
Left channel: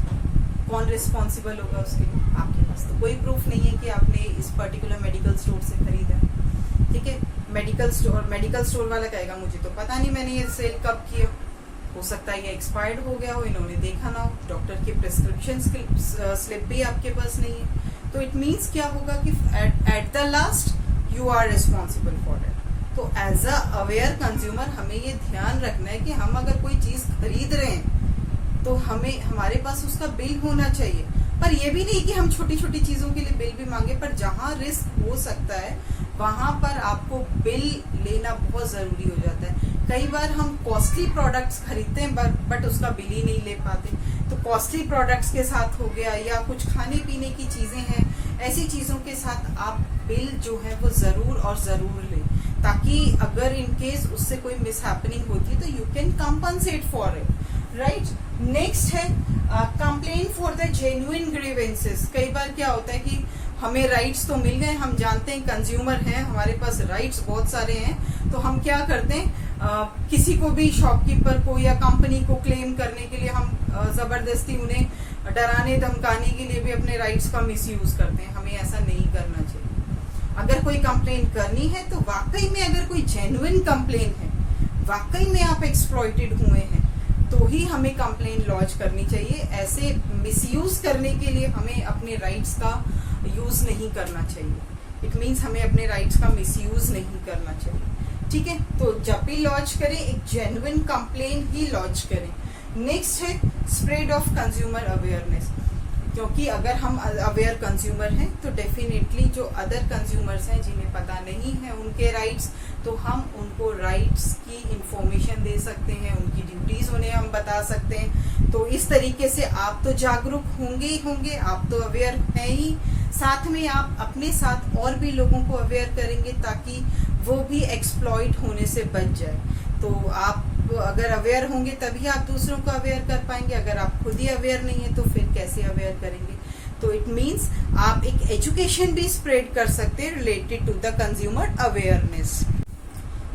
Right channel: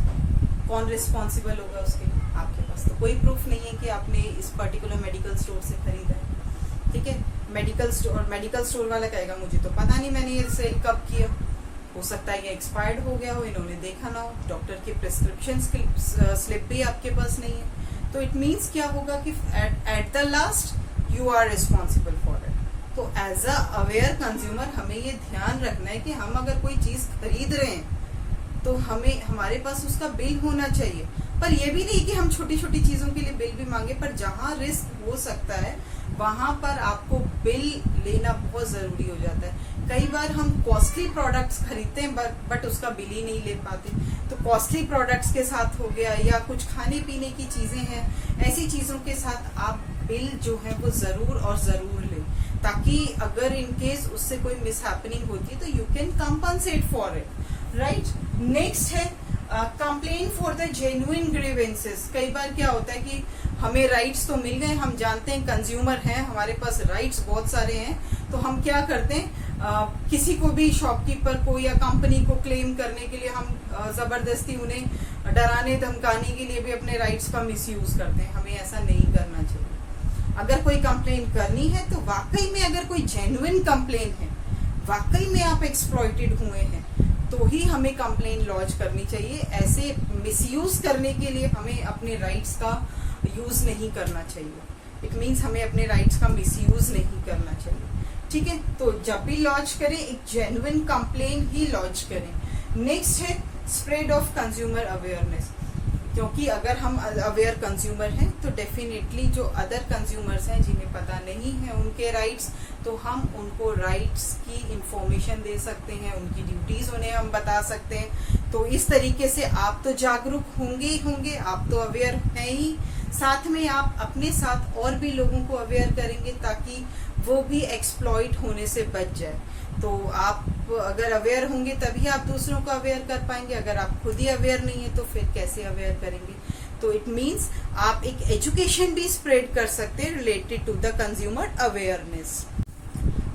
कौन रिस्पॉन्सिबल होगा उसके लिए? आपके पास तो कोई प्रूफ नहीं है कि आपने इस पर्टिकुलर मेडिकल स्टोर से खरीदा है, ठीक है। मेडिकल स्टोर वाला कहेगा मुझे तो पता नहीं मैंने ये सेल कब किया, हो सकता है ये एक्सपायर्ड हो गया हो, इन्होंने देखा ना हो, डॉक्टर की प्रिस्क्रिप्शन स्लिप भी आपके पास नहीं है। तो इट मीन्स क्या होगा कि at the last you are responsible for it. तो एज अ अवेयर कंज्यूमर हमें ये ध्यान रखना है कि हम अगर कोई चीज खरीद रहे हैं तो हमारे पास उसका बिल होना चाहिए। पर ये भी नहीं कि हम छोटी छोटी चीजों के लिए बिल भी मांगे, पर जहां रिस्क हो सकता है वहां पर आपको बिल लेना बहुत जरूरी हो जाता है। कई बार हम कॉस्टली प्रोडक्ट्स खरीदते हैं बट उसका बिल ही नहीं ले पाते। तो कॉस्टली प्रोडक्ट्स के साथ हो गया, या कुछ खाने पीने की चीजें हैं, ऐसी चीजों के साथ आप बिल जो है वो जरूर और जरूर लें, ताकि अगर इन केस उससे कोई मिस हैपनिंग होती है तो you can compensate for it, right. Next है complain for the genuine grievances. कई बार क्या होता है कि हमें राइट्स तो मिल गए, हम जानते हैं कंज्यूमर हैं, हमारे पास राइट्स बहुत सारे हैं, तो हम क्या करते हैं, किसी को भी शॉपकीपर को या कंपनी को क्लेम करने के लिए हम जबरदस्ती उन्हें डराने धमकाने के लिए भी अपने राइट्स का मिसयूज करते हैं। हमें ऐसा नहीं करना चाहिए। अगर कोई कंप्लेन करनी है तो वाकई में अगर कोई जेन्युइन कंप्लेन है, वाकई में आप एक्सप्लॉइटेड हुए हैं, तो ही हमें कंप्लेन लॉन्च करनी चाहिए। ऐसे मिसयूज करने के लिए हमें अपने राइट्स का यूज नहीं करना चाहिए। इट मीन्स हमें अपने राइट्स का मिसयूज नहीं करना चाहिए, ठीक है। तो जब भी लॉन्च करें एक जेन्युइन कंप्लेन ही लॉन्च करें। नेक्स्ट है स्प्रेड ऑफ कंज्यूमर अवेयरनेस, क्योंकि अगर हम अवेयर कंज्यूमर हैं तो डेफिनेटली जो अदर कंज्यूमर्स हैं जिन्हें पता नहीं है उनके राइट्स, तो हम उनको राइट्स की इंफॉर्मेशन दे सकते हैं, उनकी ड्यूटीज उन्हें हम बता सकते हैं। तो इस तरीके से आप तो जागरूक होंगे ही होंगे, आप तो अवेयर हैं ही, साथ में आप अपने साथ और भी लोगों को अवेयर करेंगे ताकि वो भी एक्सप्लॉइट होने से बच जाए। तो आप अगर अवेयर होंगे तभी आप दूसरों को अवेयर कर पाएंगे। अगर आप खुद ही अवेयर नहीं है तो फिर कैसे अवेयर करेंगे? तो इट मीन्स आप एक एजुकेशन भी स्प्रेड कर सकते हैं related to the consumer awareness.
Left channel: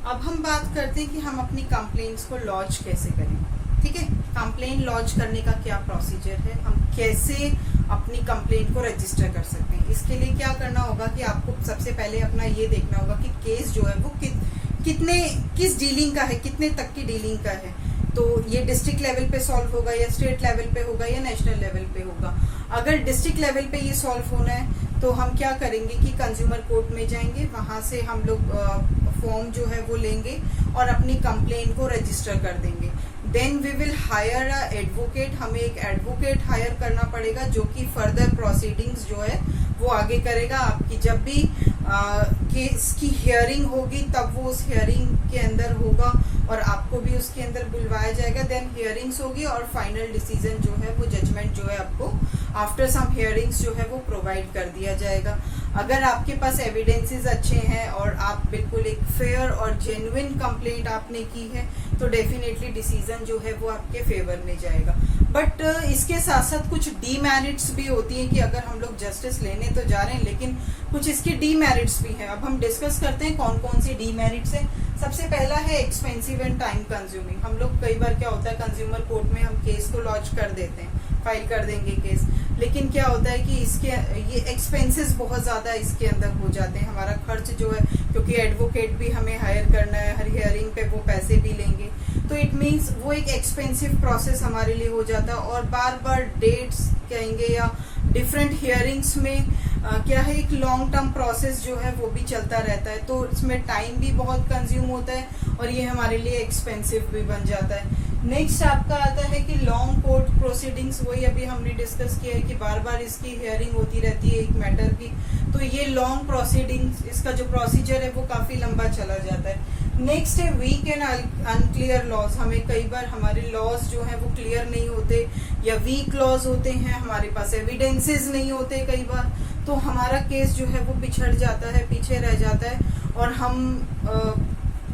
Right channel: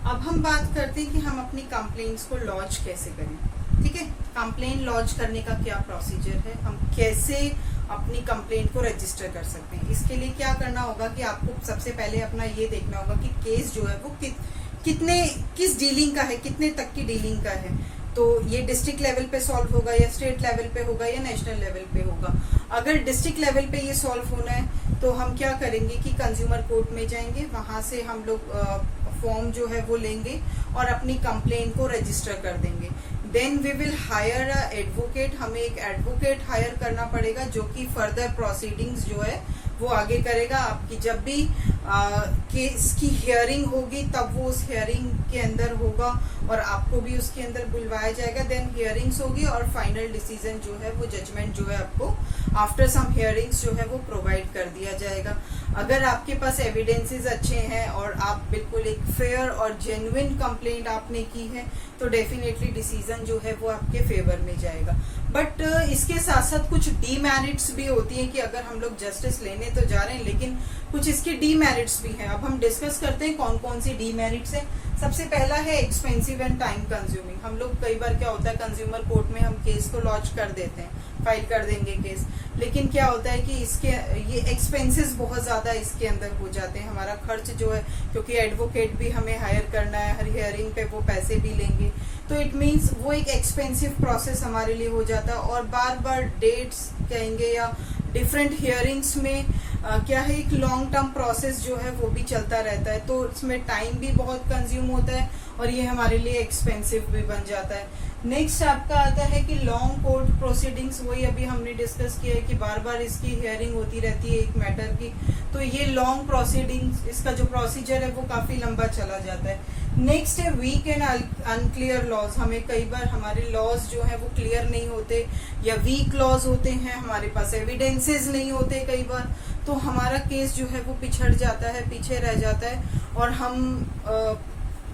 अब हम बात करते हैं कि हम अपनी कंप्लेंट्स को लॉन्च कैसे करें, ठीक है। कंप्लेन लॉन्च करने का क्या प्रोसीजर है, हम कैसे अपनी कंप्लेंट को रजिस्टर कर सकते हैं। इसके लिए क्या करना होगा कि आपको सबसे पहले अपना ये देखना होगा कि केस जो है वो किस डीलिंग का है, कितने तक की डीलिंग का है। तो ये डिस्ट्रिक्ट लेवल पे सॉल्व होगा या स्टेट लेवल पे होगा या नेशनल लेवल पे होगा। अगर डिस्ट्रिक्ट लेवल पे ये सॉल्व होना है तो हम क्या करेंगे कि कंज्यूमर कोर्ट में जाएंगे, वहां से हम लोग फॉर्म जो है वो लेंगे और अपनी कंप्लेन को रजिस्टर कर देंगे। Then we will hire a advocate, हमें एक एडवोकेट हायर करना पड़ेगा जो कि फर्दर प्रोसीडिंग्स जो है वो आगे करेगा। आपकी जब भी केस की हियरिंग होगी तब वो उस हियरिंग के अंदर होगा और आपको भी उसके अंदर बुलवाया जाएगा। देन हियरिंग्स होगी और फाइनल डिसीजन जो है वो जजमेंट जो है आपको आफ्टर सम हियरिंग्स जो है वो प्रोवाइड कर दिया जाएगा। अगर आपके पास एविडेंसेस अच्छे हैं और आप बिल्कुल एक फेयर और जेन्युइन कंप्लेंट आपने की है तो डेफिनेटली डिसीजन जो है वो आपके फेवर में जाएगा। बट इसके साथ साथ कुछ डीमेरिट्स भी होती हैं कि अगर हम लोग जस्टिस लेने तो जा रहे हैं लेकिन कुछ इसके डीमेरिट्स भी हैं। अब हम डिस्कस करते हैं कौन कौन सी डीमेरिट्स है। सबसे पहला है एक्सपेंसिव एंड टाइम कंज्यूमिंग। हम लोग कई बार क्या होता है कंज्यूमर कोर्ट में हम केस को लॉन्च कर देते हैं, फाइल कर देंगे केस, लेकिन क्या होता है कि इसके ये एक्सपेंसेस बहुत ज्यादा इसके अंदर हो जाते हैं। हमारा खर्च जो है, क्योंकि एडवोकेट भी हमें हायर करना है, हर हियरिंग पे वो पैसे भी लेंगे, तो इट मीन्स वो एक एक्सपेंसिव प्रोसेस हमारे लिए हो जाता है और बार बार डेट्स कहेंगे, या डिफरेंट हियरिंग्स में क्या है, एक लॉन्ग टर्म प्रोसेस जो है वो भी चलता रहता है, तो इसमें टाइम भी बहुत कंज्यूम होता है और ये हमारे लिए एक्सपेंसिव भी बन जाता है। नेक्स्ट आपका आता है कि लॉन्ग कोर्ट प्रोसीडिंग्स, वही अभी हमने डिस्कस किया है कि बार बार इसकी हियरिंग होती रहती है एक मैटर की, तो ये लॉन्ग प्रोसीडिंग्स, इसका जो प्रोसीजर है वो काफी लंबा चला जाता है। नेक्स्ट है वीक एंड अनक्लियर लॉज, हमें कई बार हमारे लॉज जो है वो क्लियर नहीं होते या वीक लॉज होते हैं, हमारे पास एविडेंसेस नहीं होते कई बार, तो हमारा केस जो है वो पिछड़ जाता है, पीछे रह जाता है, और हम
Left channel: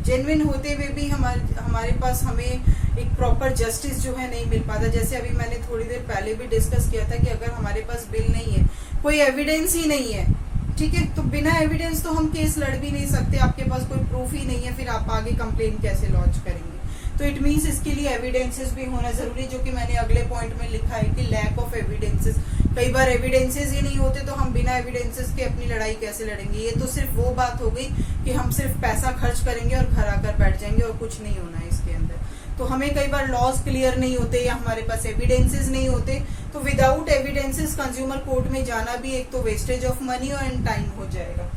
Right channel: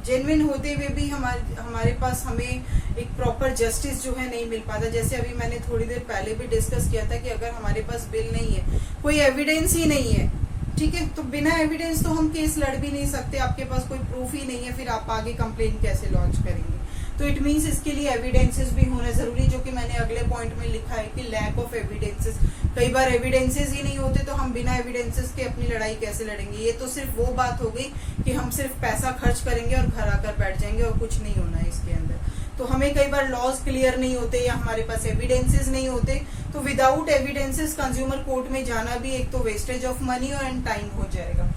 जेन्युइन होते हुए भी हमारे पास हमें एक प्रॉपर जस्टिस जो है नहीं मिल पाता। जैसे अभी मैंने थोड़ी देर पहले भी डिस्कस किया था कि अगर हमारे पास बिल नहीं है, कोई एविडेंस ही नहीं है, ठीक है, तो बिना एविडेंस तो हम केस लड़ भी नहीं सकते, आपके पास कोई प्रूफ ही नहीं है, फिर आप आगे कंप्लेन कैसे लॉन्च करेंगे। तो इट मीन्स इसके लिए एविडेंसेस भी होना जरूरी, जो कि मैंने अगले पॉइंट में लिखा है कि लैक ऑफ एविडेंसेस, कई बार एविडेंसेस ही नहीं होते तो हम बिना एविडेंसेस के अपनी लड़ाई कैसे लड़ेंगे। ये तो सिर्फ वो बात हो गई कि हम सिर्फ पैसा खर्च करेंगे और घर आकर बैठ जाएंगे और कुछ नहीं होना है इसके अंदर। तो हमें कई बार लॉज क्लियर नहीं होते या हमारे पास एविडेंसेस नहीं होते, तो विदाउट एविडेंसेस कंज्यूमर कोर्ट में जाना भी एक तो वेस्टेज ऑफ मनी और एंड टाइम हो जाएगा,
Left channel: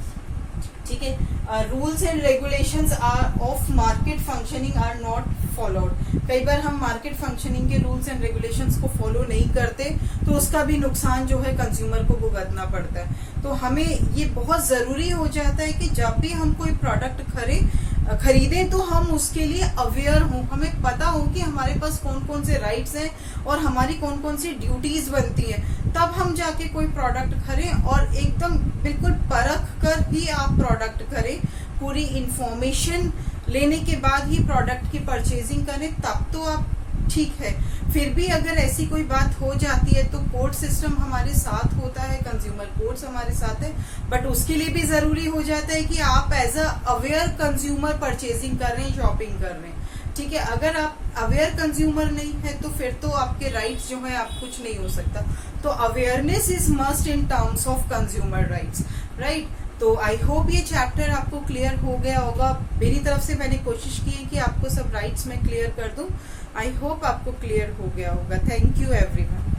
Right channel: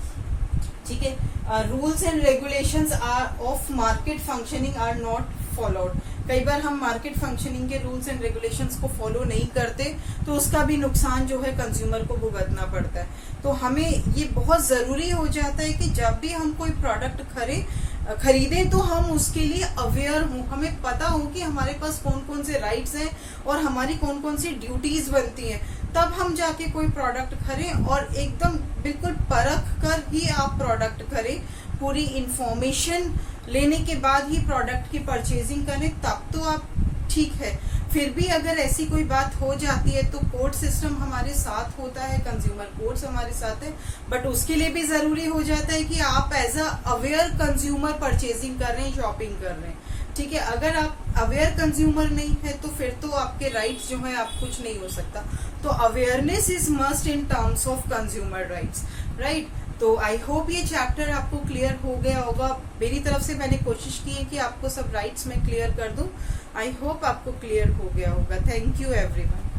ठीक है। Rules and regulations are of market functioning are not followed, कई बार हम मार्केट फंक्शनिंग के रूल्स एंड रेगुलेशंस को फॉलो नहीं करते तो उसका भी नुकसान जो है कंज्यूमर को भुगतना पड़ता है। तो हमें ये बहुत जरूरी हो जाता है कि जब भी हम कोई प्रोडक्ट खरीदें तो हम उसके लिए अवेयर हों, हमें पता हो कि हमारे पास कौन कौन से राइट्स हैं और हमारी कौन कौन सी ड्यूटीज बनती हैं, तब हम जाके कोई प्रोडक्ट खरीदें और एकदम बिल्कुल परख कर ही आप प्रोडक्ट खरीदें, पूरी इंफॉर्मेशन लेने के बाद ही प्रोडक्ट की परचेजिंग करें, तब तो आप ठीक है। फिर भी अगर ऐसी कोई बात हो जाती है तो कोर्ट सिस्टम हमारे साथ होता है, कंज्यूमर कोर्ट्स हमारे साथ है, बट उसके लिए भी जरूरी हो जाता है कि आप as a aware consumer purchasing कर रहे हैं, शॉपिंग कर रहे हैं, ठीक है। अगर आप अवेयर कंज्यूमर नहीं है तो फिर तो आपके राइट्स जो है आप कुछ नहीं हो सकता। तो awareness is must in terms of consumer rights, right. तो आई होप ये चैप्टर आपको क्लियर हो गया होगा। मेरी तरफ से मैंने कोशिश की है कि आपको सब राइट्स में क्लियर कर दूं। आई होप आपको क्लियर हो गया होगा। Thank you everyone.